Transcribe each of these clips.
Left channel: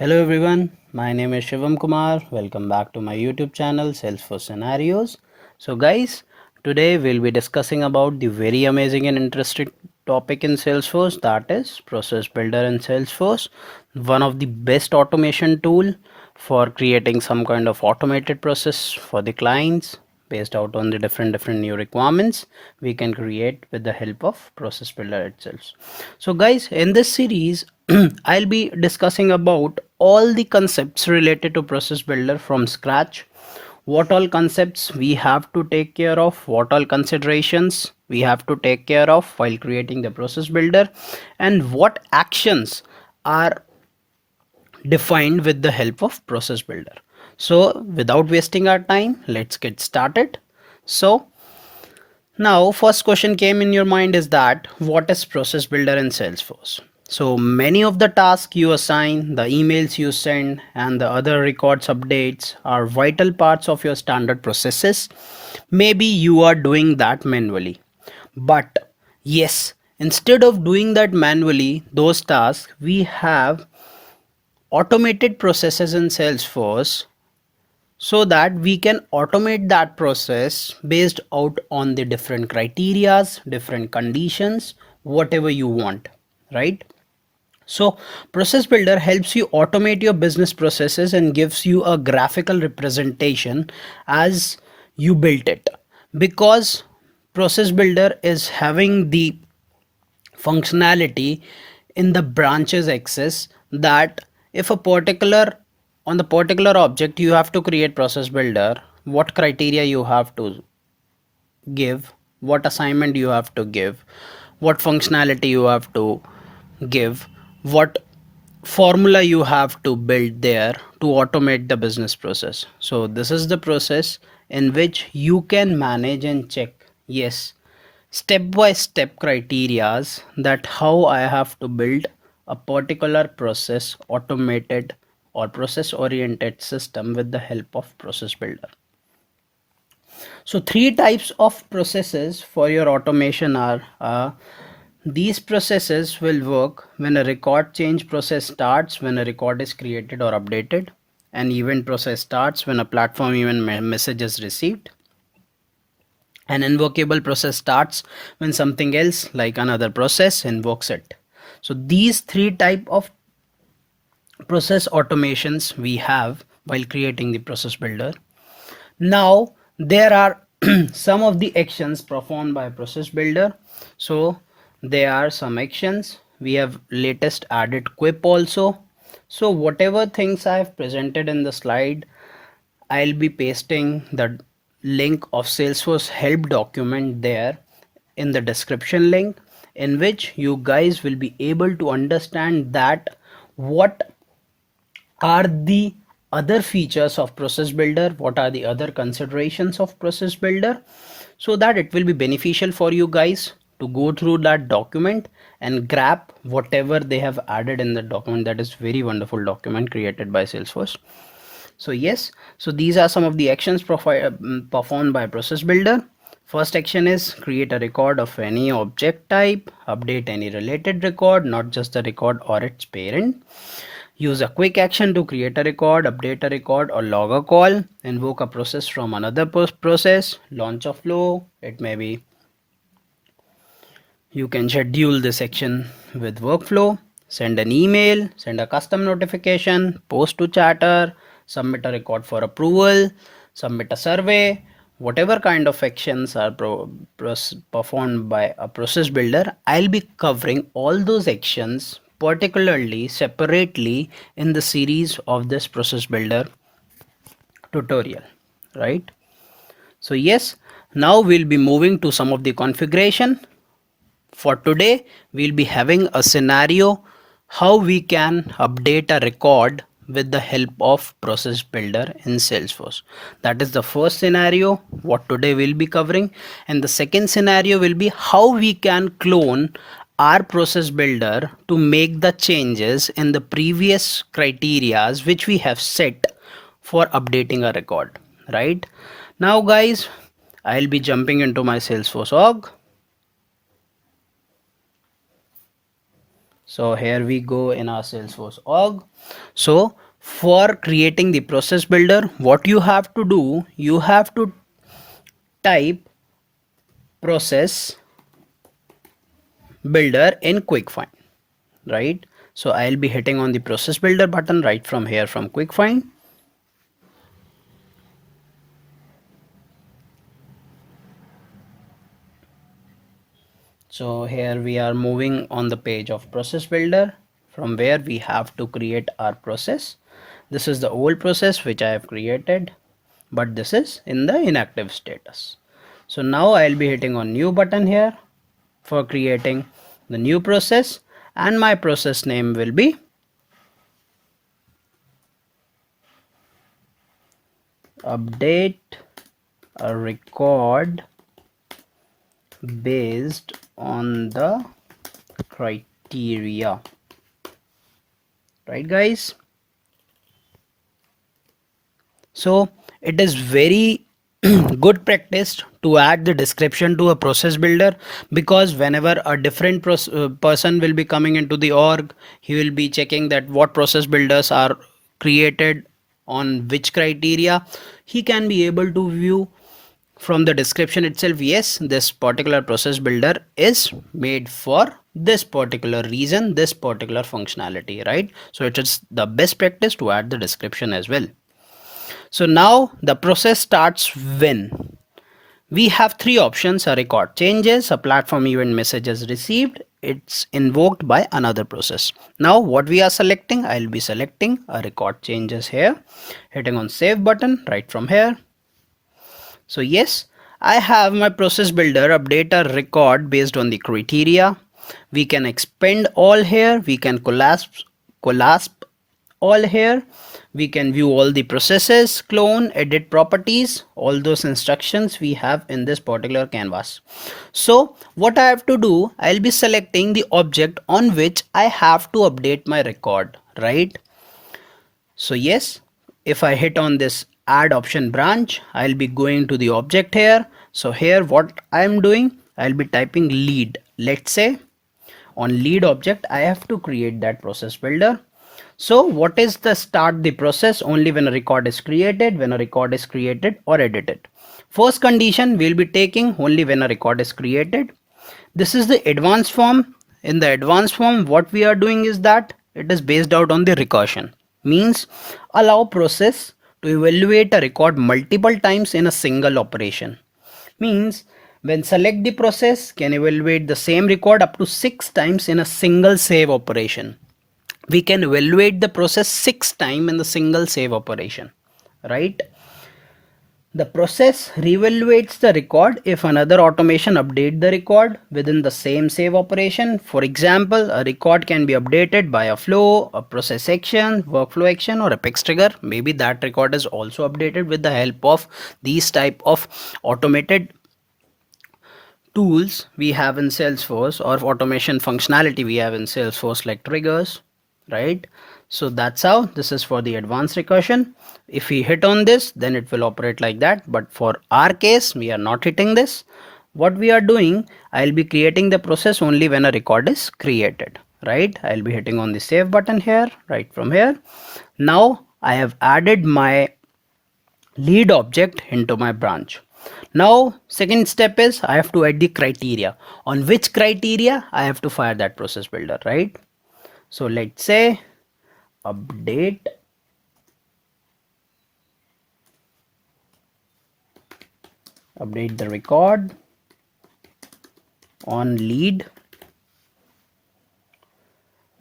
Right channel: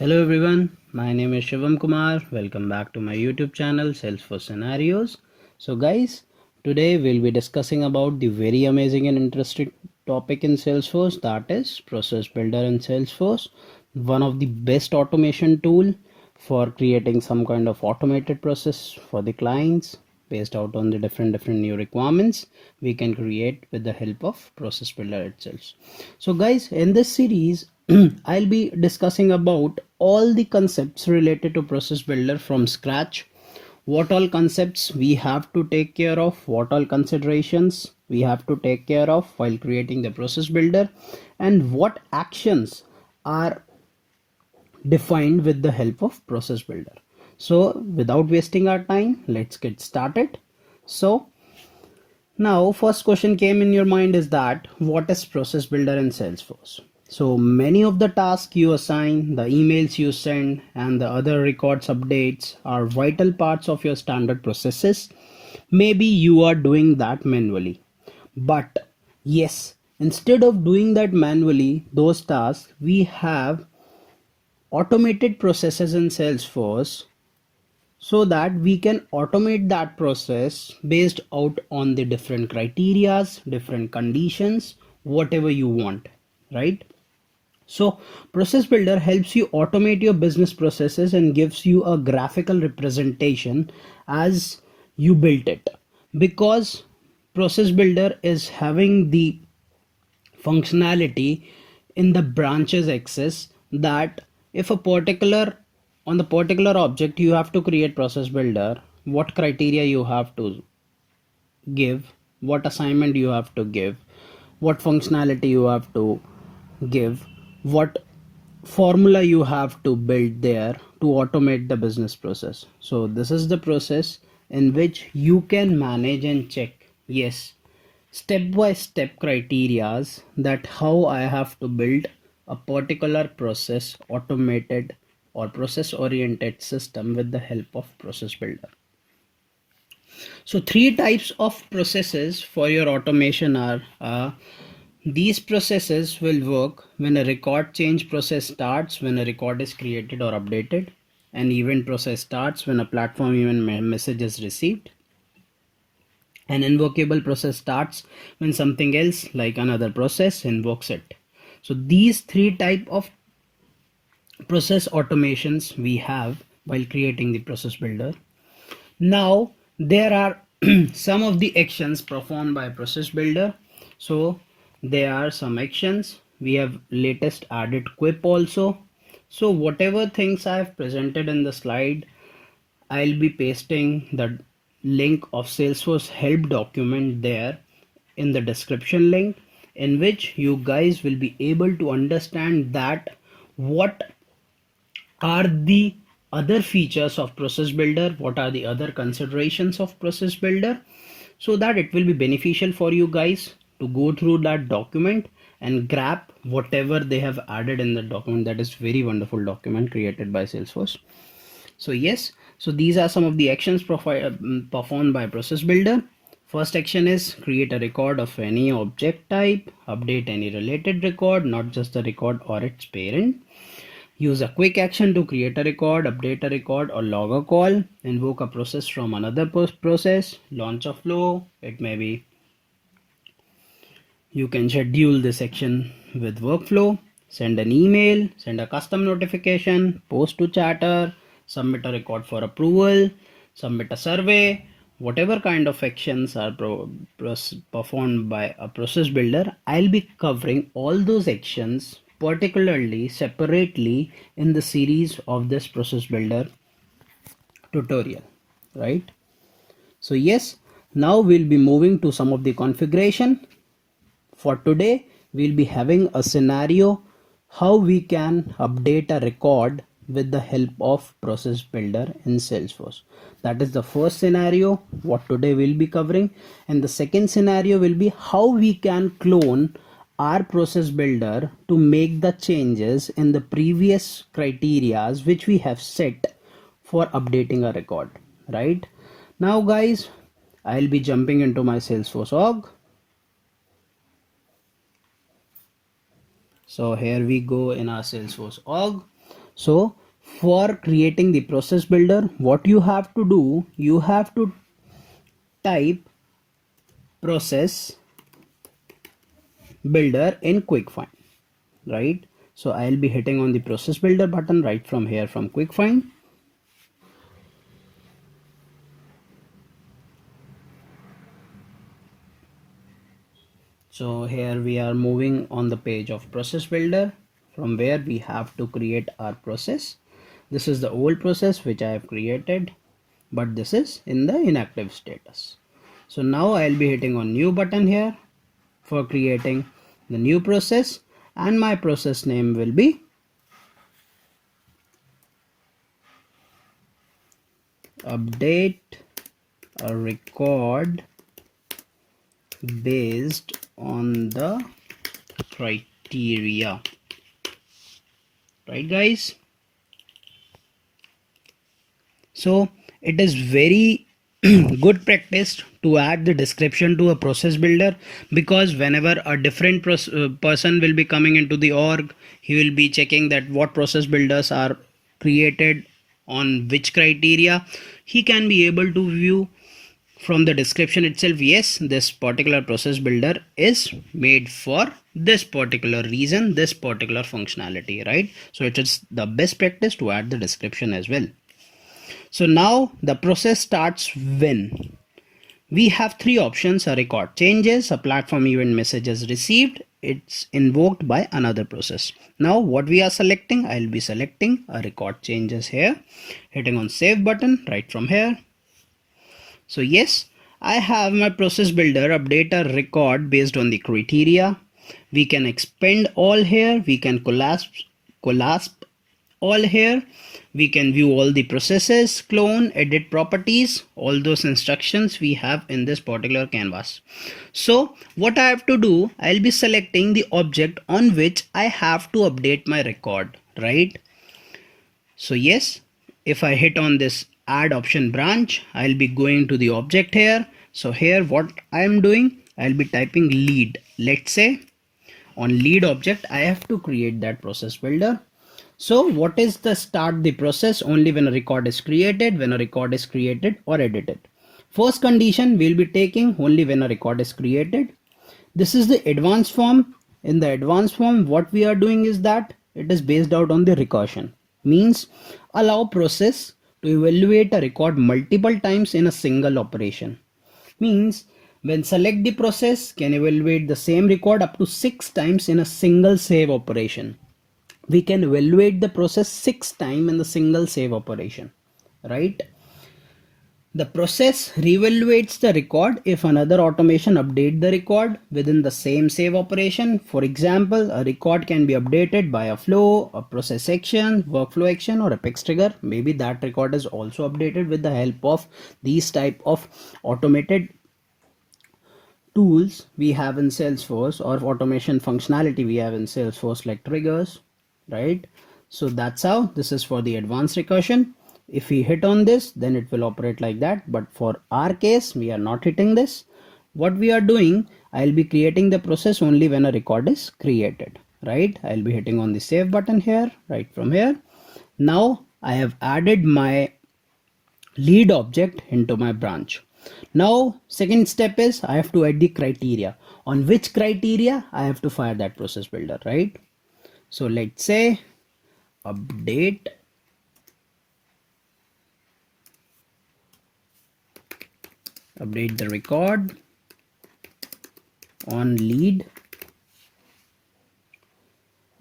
Hello everyone, my name is Shivam Kumar. Welcome back to my YouTube channel Salesforce Scenarios. So guys, today we'll be discussing about the very amazing and interesting topic in Salesforce, that is Process Builder in Salesforce, one of the best automation tool for creating some kind of automated process for the clients based out on the different new requirements we can create with the help of Process Builder itself. So guys, in this series I'll be discussing about all the concepts related to Process Builder from scratch, what all concepts we have to take care of, what all considerations we have to take care of while creating the Process Builder, and what actions are defined with the help of Process Builder. So without wasting our time, let's get started. So now first question came in your mind is that what is Process Builder in Salesforce? So many of the tasks you assign, the emails you send, and the other records updates are vital parts of your standard processes. Maybe you are doing that manually. But yes, instead of doing that manually, those tasks, we have automated processes in Salesforce so that we can automate that process based out on the different criterias, different conditions, whatever you want, right? So Process Builder helps you automate your business processes and gives you a graphical representation as you built it, because Process Builder is having the functionality in the branches axis that if a particular on the particular object you have to create Process Builder, what criteria you have to give, what assignment you have to give, what functionality you have to give, what formula you have to build there to automate the business process. So this is the process in which you can manage and check, yes, step by step criterias that how I have to build a particular process automated or process oriented system with the help of Process Builder. So three types of processes for your automation are these processes will work when a record change process starts when a record is created or updated. An event process starts when a platform event message is received. An invocable process starts when something else like another process invokes it. So these three type of process automations we have while creating the Process Builder. Now there are some of the actions performed by Process Builder. So there are some actions. We have latest added quip also. So whatever things I have presented in the slide, I'll be pasting the link of Salesforce help document there in the description link, in which you guys will be able to understand that what are the other features of Process Builder, what are the other considerations of Process Builder, so that it will be beneficial for you guys to go through that document and grab whatever they have added in the document. That is very wonderful document created by Salesforce. So yes, so these are some of the actions performed by Process Builder. First action is create a record of any object type, update any related record, not just the record or its parent. Use a quick action to create a record, update a record, or log a call. Invoke a process from another process. Launch a flow. It may be you can schedule the section with workflow. Send an email. Send a custom notification. Post to chatter. Submit a record for approval. Submit a survey. Whatever kind of actions are performed by a Process Builder, I'll be covering all those actions particularly separately in the series of this Process Builder tutorial, right? So yes, now we'll be moving to some of the configuration. For today, we'll be having a scenario how we can update a record with the help of Process Builder in Salesforce. That is the first scenario what today we'll be covering, and the second scenario will be how we can clone our Process Builder to make the changes in the previous criterias which we have set for updating a record. Right now guys, I'll be jumping into my Salesforce org. So here we go in our Salesforce org. So for creating the process builder, what you have to do, you have to type process builder in quick find, right? So I'll be hitting on the process builder button right from here from quick find. So here we are moving on the page of process builder, from where we have to create our process. This is the old process which I have created, but this is in the inactive status. So now I'll be hitting on new button here for creating the new process, and my process name will be update a record based on the criteria, right guys? So it is very good practice to add the description to a process builder, because whenever a different person will be coming into the org, he will be checking that what process builders are created on which criteria. He can be able to view from the description itself, yes, this particular process builder is made for this particular reason, this particular functionality, right? So it is the best practice to add the description as well. So now the process starts when we have three options: a record changes, a platform event message is received, it's invoked by another process. Now what we are selecting, I'll be selecting a record changes here, hitting on save button right from here. So yes, I have my process builder update a record based on the criteria. We can expand all here, we can collapse all here, we can view all the processes, clone, edit properties, all those instructions we have in this particular canvas. So what I have to do, I'll be selecting the object on which I have to update my record, right? So yes, if I hit on this add option branch, I'll be going to the object here. So here what I'm doing, I'll be typing lead. Let's say on lead object, I have to create that process builder. So what is the start the process? Only when a record is created, when a record is created or edited. First condition we'll be taking only when a record is created. This is the advanced form. In the advanced form, what we are doing is that it is based out on the recursion. Means allow process to evaluate a record multiple times in a single operation. Means when select the process can evaluate the same record up to 6 times in a single save operation. We can evaluate the process 6 times in the single save operation, right? The process reevaluates the record if another automation update the record within the same save operation. For example, a record can be updated by a flow, a process action, workflow action, or Apex trigger. Maybe that record is also updated with the help of these type of automated tools we have in Salesforce, or automation functionality we have in Salesforce, like triggers, right? So that's how this is for the advanced recursion. If we hit on this, then it will operate like that. But for our case, we are not hitting this. What we are doing, I'll be creating the process only when a record is created, right? I'll be hitting on the save button here, right from here. Now I have added my lead object into my branch. Now second step is I have to add the criteria. On which criteria I have to fire that process builder, right? So let's say update the record on lead.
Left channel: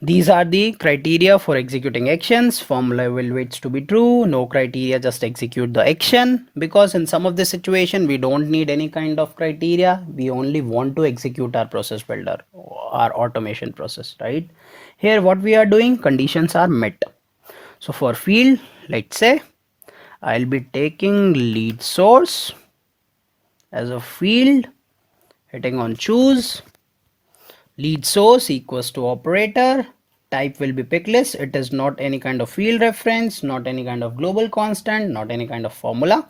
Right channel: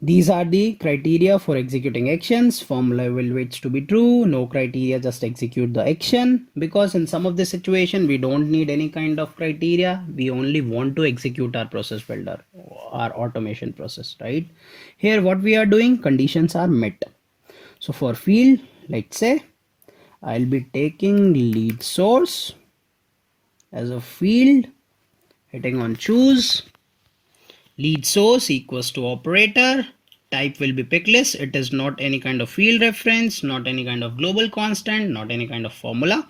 These are the criteria for executing actions. Formula will waits to be true. No criteria, just execute the action, because in some of the situation we don't need any kind of criteria. We only want to execute our process builder, our automation process, right? Here what we are doing, conditions are met. So for field, let's say I'll be taking lead source as a field, hitting on choose. Lead source equals to operator, type will be pick list. It is not any kind of field reference, not any kind of global constant, not any kind of formula.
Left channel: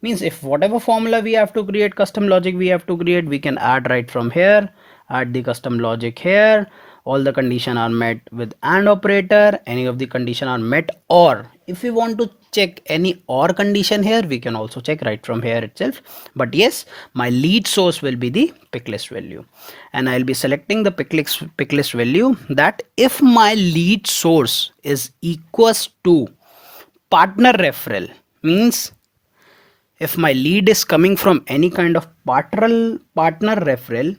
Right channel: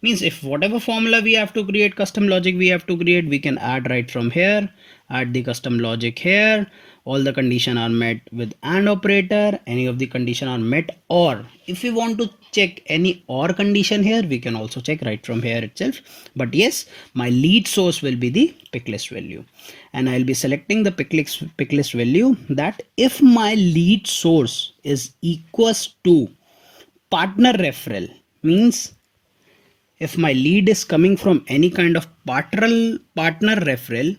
Means if whatever formula we have to create, custom logic we have to create, we can add right from here, add the custom logic here. all the condition are met with AND operator, any of the condition are met, or if we want to check any OR condition here, we can also check right from here itself. But yes, my lead source will be the pick list value, and I'll be selecting the pick list value that if my lead source is equals to partner referral, means if my lead is coming from any kind of partner referral,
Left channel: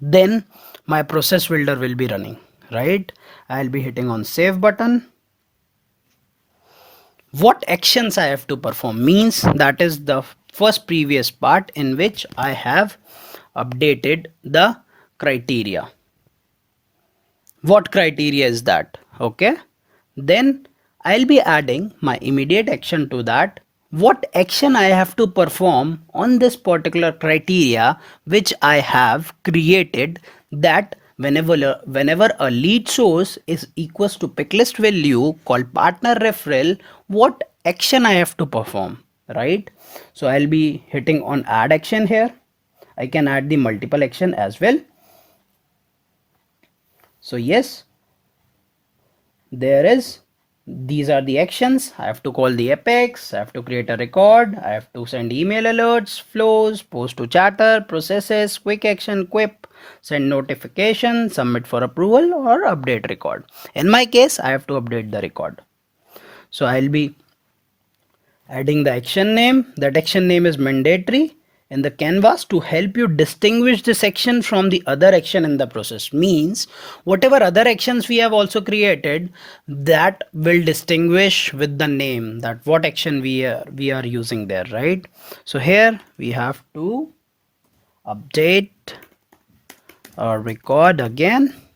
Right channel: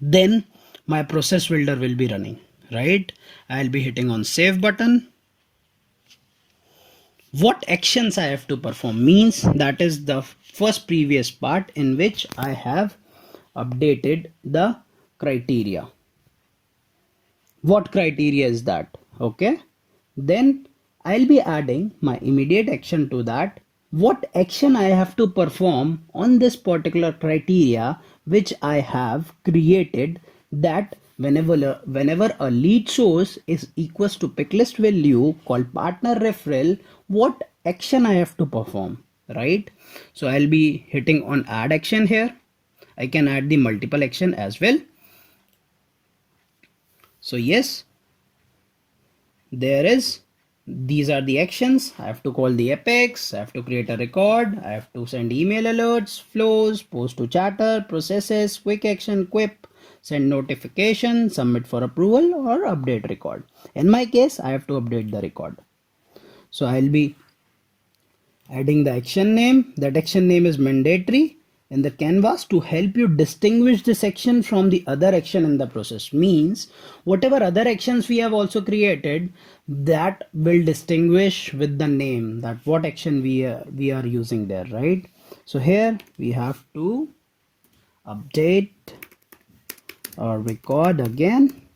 then my process builder will be running, right? I'll be hitting on save button. What actions I have to perform, means that is the first previous part in which I have updated the criteria. What criteria is that? Okay, then I'll be adding my immediate action to that. What action I have to perform on this particular criteria which I have created, that whenever a lead source is equals to pick list value called partner referral, what action I have to perform, right? So I'll be hitting on add action here. I can add the multiple action as well. So yes, these are the actions. I have to call the apex, I have to create a record, I have to send email alerts, flows, post to chatter, processes, quick action, quip, send notification, submit for approval, or update record. In my case, I have to update the record. So I'll be adding the action name. That action name is mandatory in the canvas to help you distinguish this action from the other action in the process. Means whatever other actions we have also created, that will distinguish with the name that what action we are using there, right? So here we have to update or record again,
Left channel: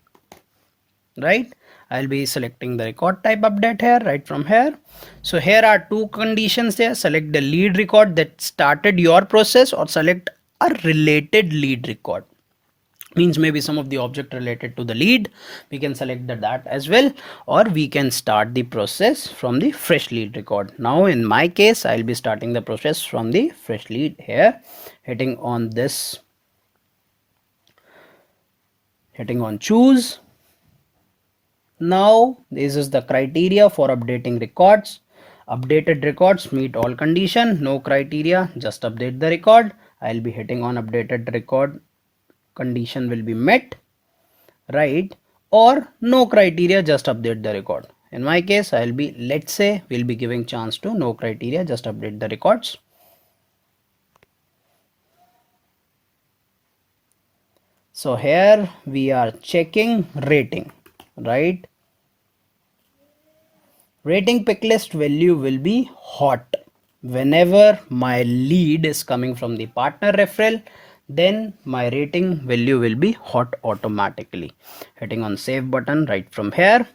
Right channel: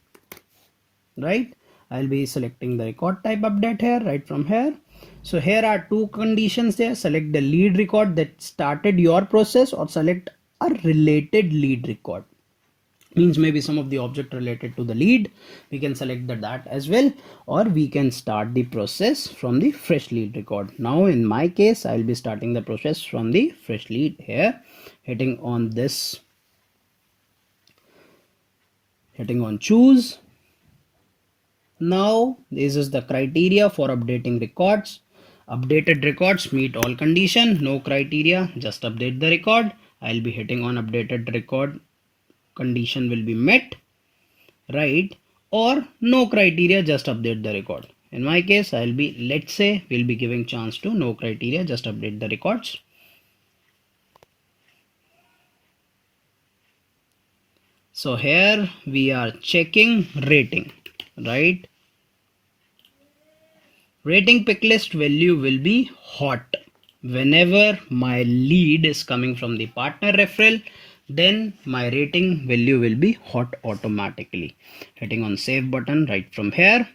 right? I'll be selecting the record type update here, right from here. So here are two conditions there. Select the lead record that started your process, or select a related lead record. Means maybe some of the object related to the lead, we can select that as well, or we can start the process from the fresh lead record. Now in my case, I'll be starting the process from the fresh lead here, hitting on this, hitting on choose. Now this is the criteria for updating records. Updated records meet all condition, no criteria, just update the record. I'll be hitting on updated record, condition will be met, right? Or no criteria, just update the record. In my case, I'll be, let's say we'll be giving chance to no criteria, just update the records. So here we are checking rating, right? Rating pick list value will be hot whenever my lead is coming from the partner referral, then my rating value will be hot automatically. Hitting on save button right from here.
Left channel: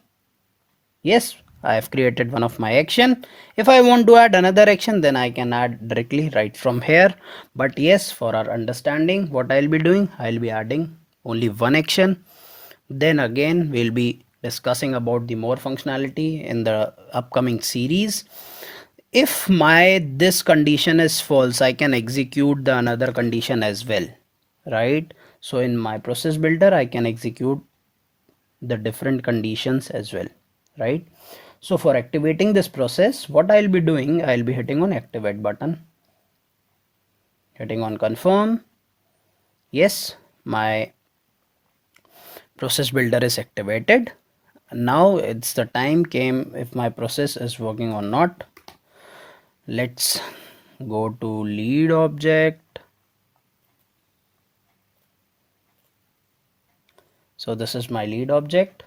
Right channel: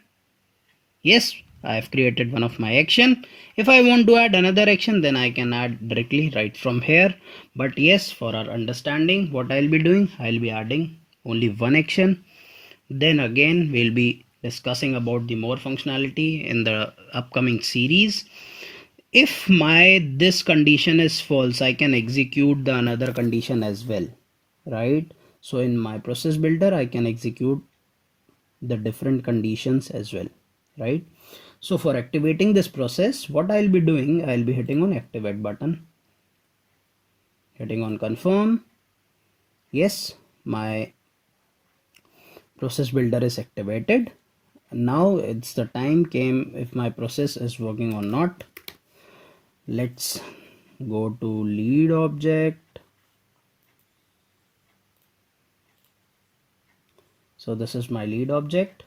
Yes, I have created one of my action. If I want to add another action, then I can add directly right from here. But yes, for our understanding, what I'll be doing, I'll be adding only one action. Then again, we'll be discussing about the more functionality in the upcoming series. If my this condition is false, I can execute the another condition as well, right? So in my process builder, I can execute the different conditions as well, right? So for activating this process, what I'll be doing, I'll be hitting on activate button, hitting on confirm. Yes, my process builder is activated. Now it's the time came if my process is working or not. Let's go to lead object. So this is my lead object.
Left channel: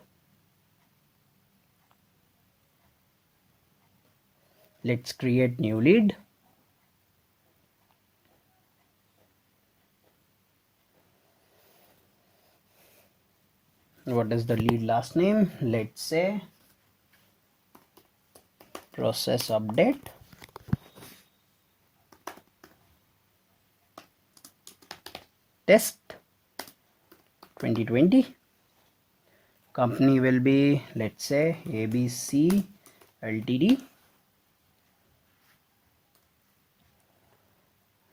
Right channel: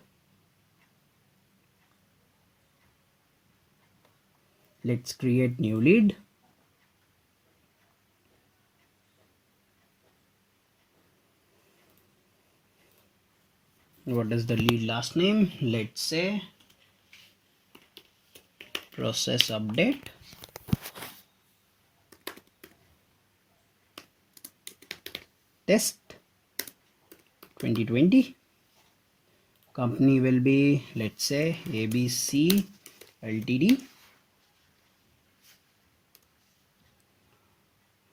Let's create new lead. What is the lead last name? Let's say process update. Test 2020. Company will be, let's say, ABC Ltd.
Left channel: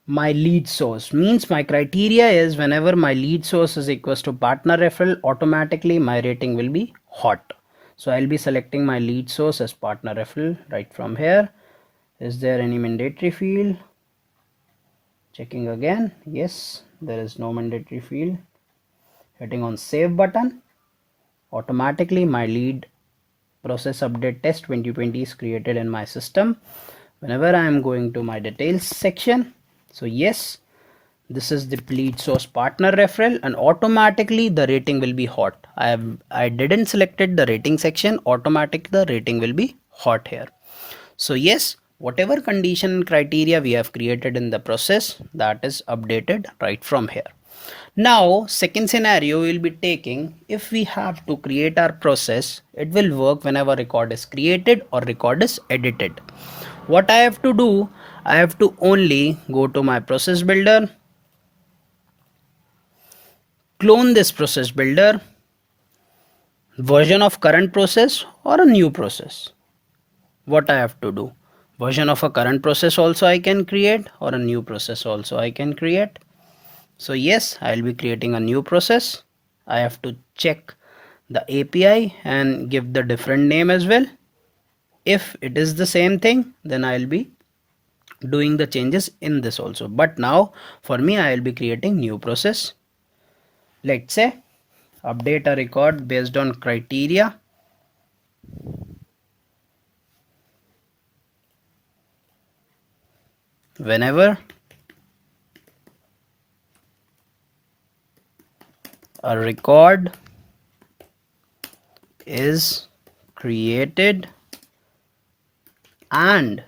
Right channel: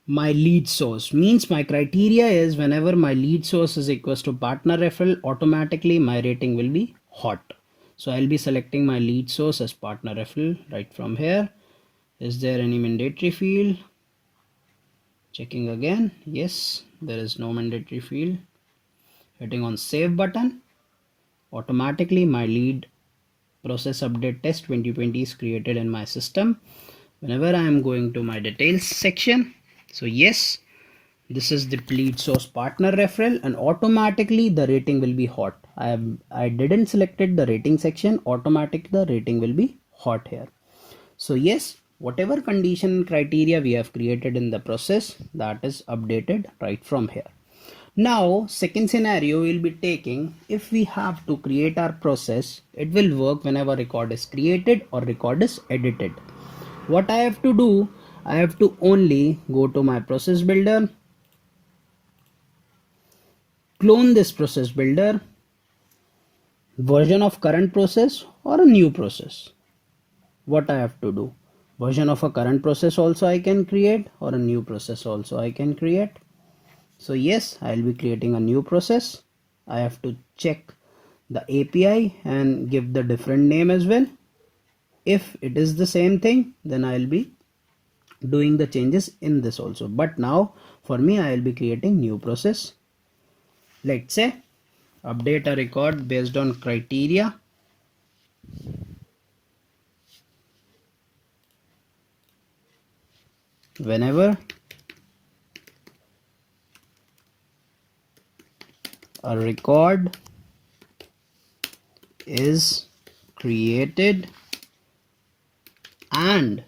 my lead source. Means my criteria is whenever my lead source is equals to partner referral, automatically my rating will be hot. So I'll be selecting my lead source as partner referral right from here. Is there any mandatory field? Checking again. Yes, there is no mandatory field. Hitting on save button. Automatically my lead process update test 2020 is created in my system. Whenever I am going to my details section, so yes, this is the lead source partner referral, and automatically the rating will be hot. I didn't selected the rating section, automatic the rating will be hot here. So yes, whatever condition and criteria we have created in the process, that is updated right from here. Now second scenario we'll be taking, if we have to create our process, it will work whenever record is created or record is edited. What I have to do, I have to only go to my process builder, clone this process builder, version of current process or a new process. What I have to do, version of a current process also I can create, or a new process also I can create. So yes, I'll be creating a new process. I have to check the API and give the different name as well. If it is the same thing, then I'll be doing the changes in this also. But now for me, I'll be creating new process. Let's say update a record based on criteria. Whenever a record is created and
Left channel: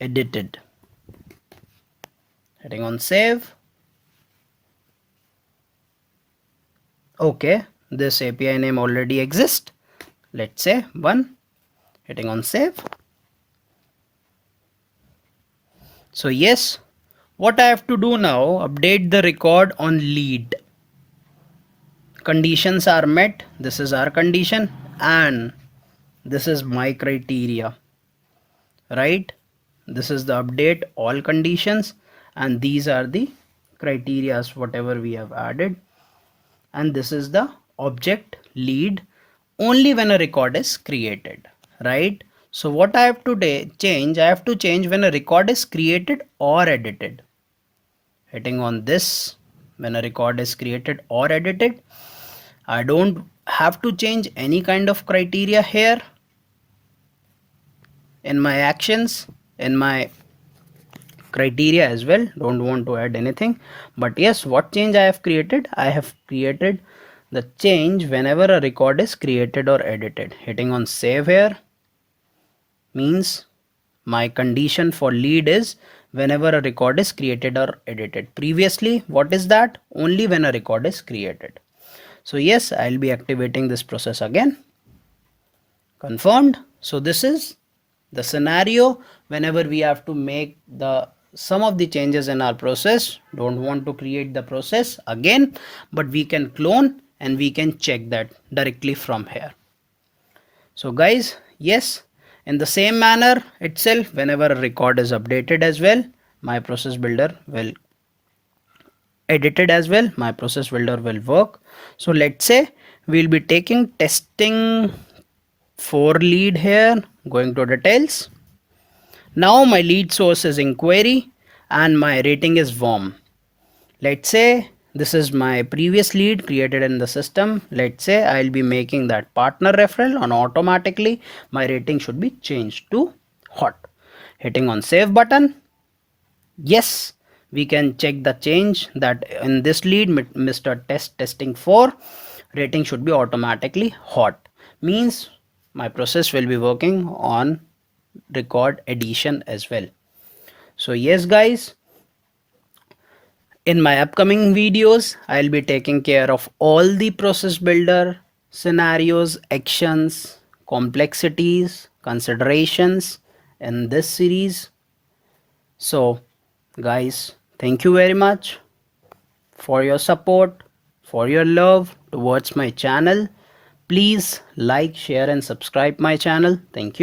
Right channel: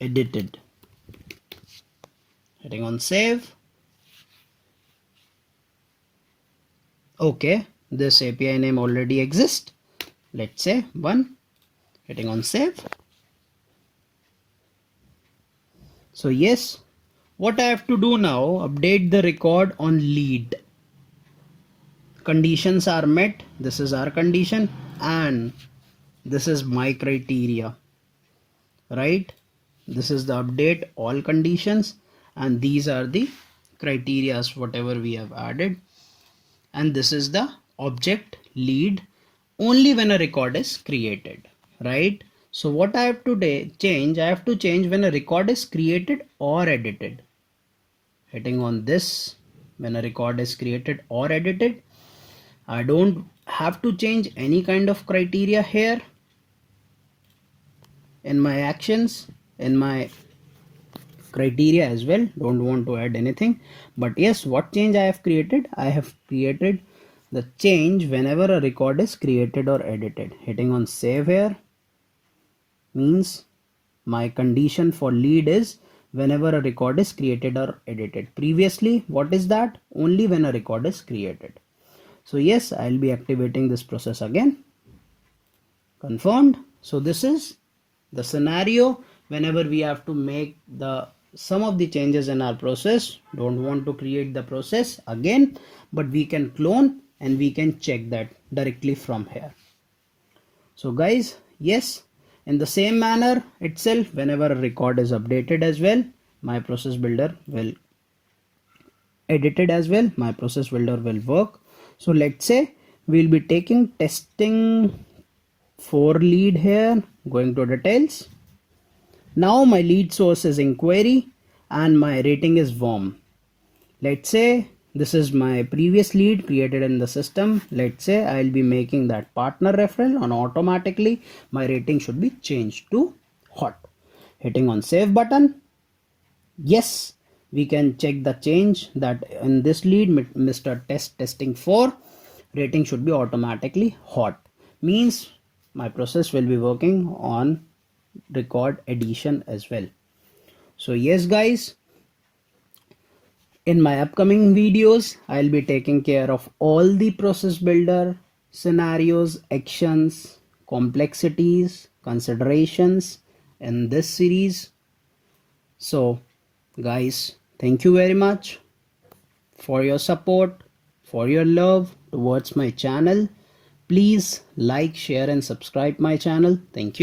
edited. Hitting on save. Okay, this API name already exists. Let's say 1. Hitting on save. So yes, what I have to do now, update the record on lead. Conditions are met. This is our condition and this is my criteria, right? This is the update all conditions and these are the criterias whatever we have added, and this is the object lead only when a record is created, right? So what I have to change, I have to change when a record is created or edited. Hitting on this, when a record is created or edited, I don't have to change any kind of criteria here in my actions, in my criteria as well. Don't want to add anything, but yes, what change I have created, I have created the change whenever a record is created or edited. Hitting on save here means my condition for lead is whenever a record is created or edited. Previously, what is that? Only when a record is created. So yes, I'll be activating this process again. Confirmed. So this is the scenario whenever we have to make some of the changes in our process. Don't want to create the process again, but we can clone and we can check that directly from here. So guys, yes, in the same manner itself, whenever a record is updated as well, my process builder will edited as well, my process builder will work. So let's say we'll be taking testing for lead here, going to details. Now my lead source is inquiry and my rating is warm. Let's say this is my previous lead created in the system. Let's say I'll be making that partner referral, and automatically my rating should be changed to hot. Hitting on save button. Yes, we can check the change that in this lead, Mr. Testing 4, rating should be automatically hot. Means my process will be working on record addition as well. So yes guys, in my upcoming videos, I'll be taking care of all the process builder scenarios, actions, complexities, considerations in this series. So guys, thank you very much for your support, for your love towards my channel. Please like, share and subscribe my channel. Thank you.